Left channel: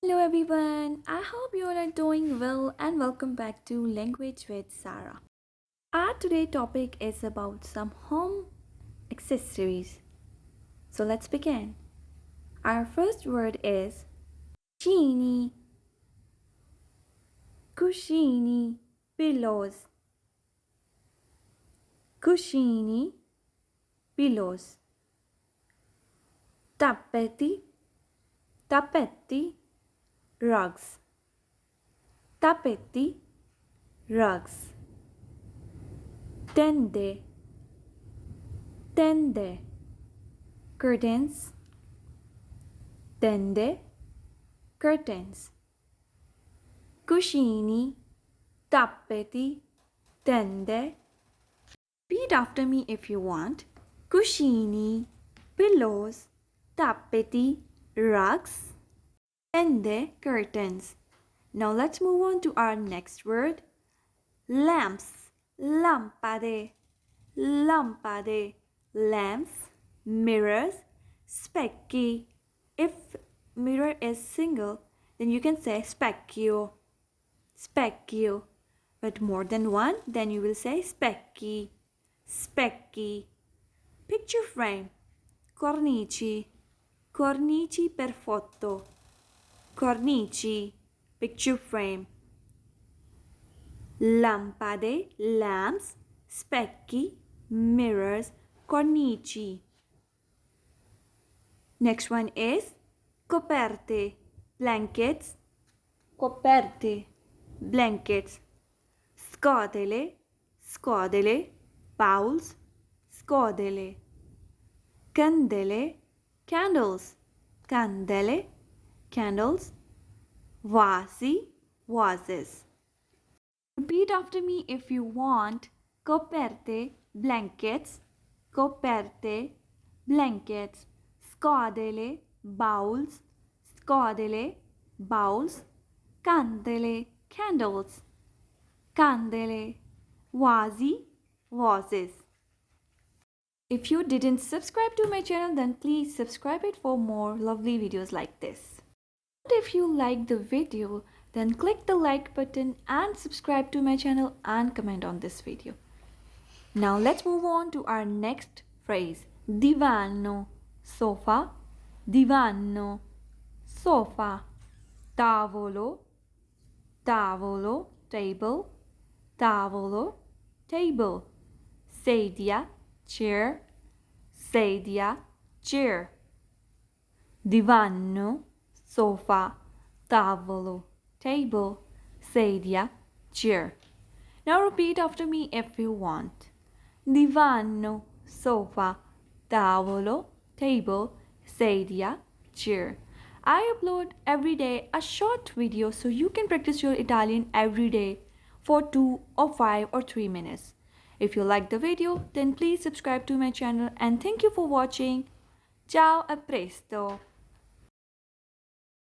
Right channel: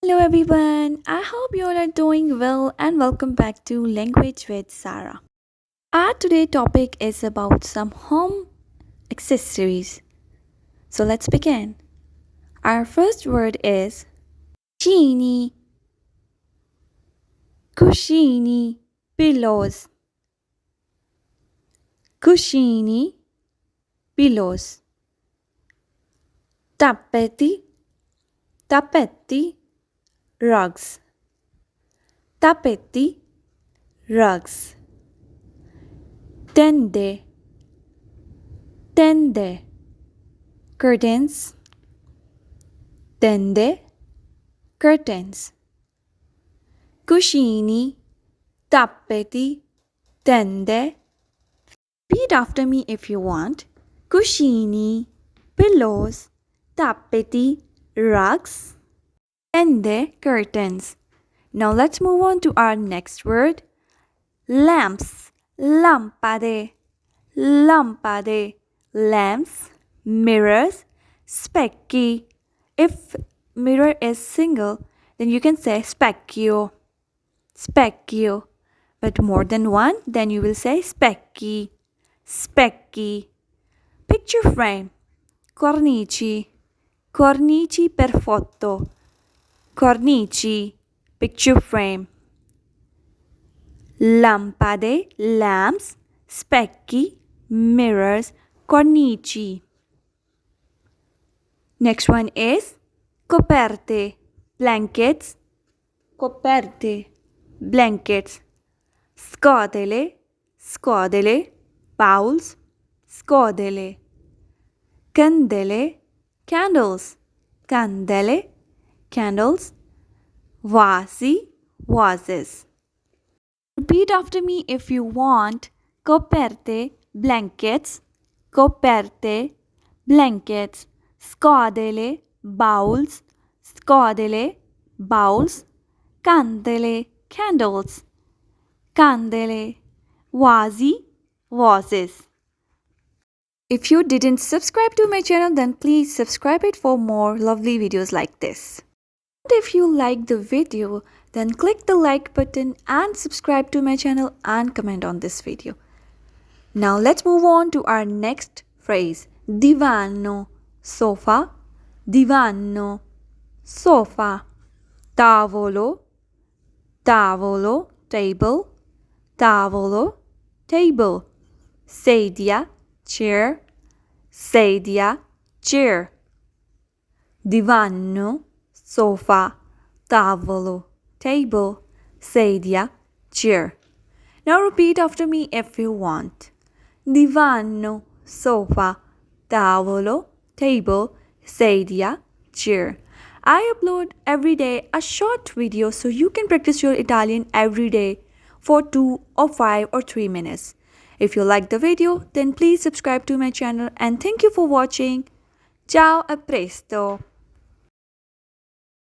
Hello everyone, I hope you all are doing well and welcome back to Language with Sarah. Our today topic is about some home accessories. So let's begin. Our first word is cuscini, cuscini, pillows, cuscini, pillows, tappeti, tappeti, rugs, tappeti, rugs, tende, tende, curtains, tende, curtains, cuscini, tappeti, tende. Repeat after me if you want. Cuscini, pillows, tappeti, rugs, tende, curtains. Now let's move on to our next word. Lamps, lampade, lampade, lamps, mirrors, specchi. If mirror is single, then you can say specchio, specchio. But more than one, then you will say specchi, specchi. Picture frame, cornici, cornici per foto, cornici, picture frame. Lampade, lamps, specchi, mirrors, cornici. Next one is coperte, blankets, coperte, blankets, scodele, scodele, bowls, scodele, candele, candles, candele, candles, vasi, vases. Repeat after me if you want. Coperte, blankets, coperte, blankets, scodele, bowls, scodele, bowls, candele, candles, candele, vasi, vases. If you didn't subscribe to my channel, then please subscribe it for more lovely videos like this. And if you like the video, then click the like button and subscribe to my channel and comment on this video. Now let's move on to our next phrase. Divano, sofa, divano, sofa, tavolo, tavolo, table, tavolo, table, sedia, chair, sedia, chair, divano, sofa, tavolo, table, sedia, chair. Now repeat after me if you want. Divano, sofa, tavolo, table, sedia, chair. I upload every day a short video so you can practice your Italian every day for 2 or 5 or 3 minutes. If you like the video, then please subscribe to my channel and thank you for watching. Ciao, a presto!